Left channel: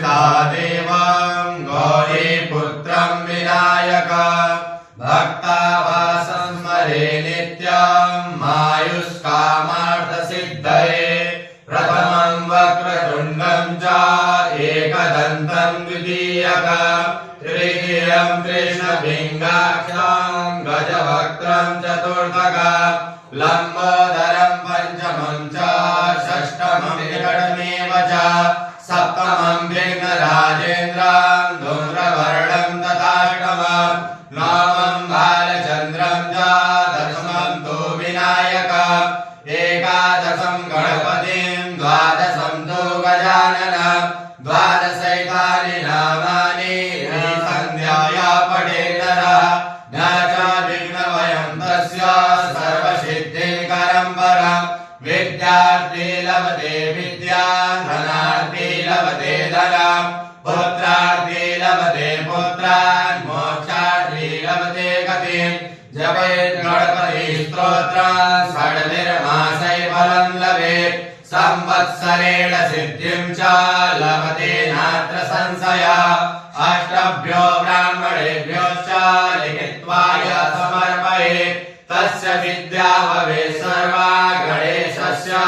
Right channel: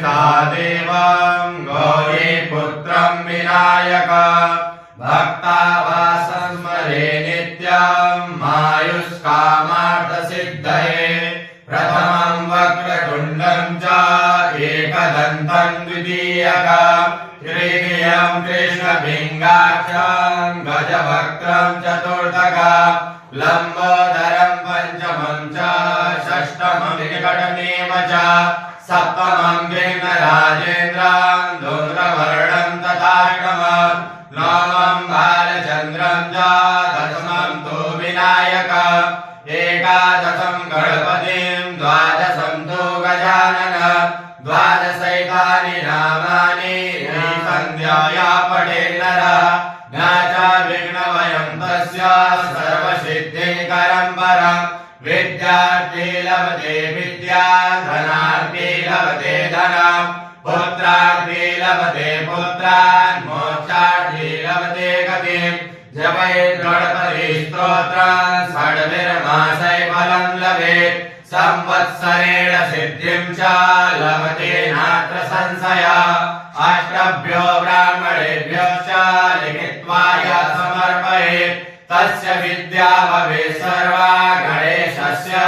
सा देवं गौरीपुत्रं विनायक भक्तावासं स्मरे नित्यं मायुष्कामार्थसिद्धये प्रथमं वक्रतुण्डं च एकदन्तं द्वितीयकं तृतीयं कृष्णपिङ्गाक्षं गजवक्त्रं चतुर्थकं लम्बोदरं पञ्चमं च षष्ठमं विकटमेव च सप्तमं विघ्नराजेन्द्रं धूम्रवर्णं तथाष्टमं नवमं बालचन्द्रं च दशमं तु विनायकम् एकादशं गणपतिं द्वादशं तु गजाननं द्वादशैतानि नामानि सन्ध्याया पठेन्नरः न च विघ्नभयं तस्य सर्वसिद्धिकरं परम् विद्यार्थी लभते विद्यां धनार्थी लभते धनं पुत्रार्थी लभते पुत्रान् मोक्षार्थी लभते गतिं जपेत् गणपति स्तोत्रं षड्भिर्मासै फलं लभेत् संवत्सरेण सिद्धिं च लभते नात्र संशयः अष्टभ्यो ब्राह्मणेभ्योश्च लिखित्वा यः समर्पयेत् तस्य विद्या भवेत् सर्वा गणेशस्य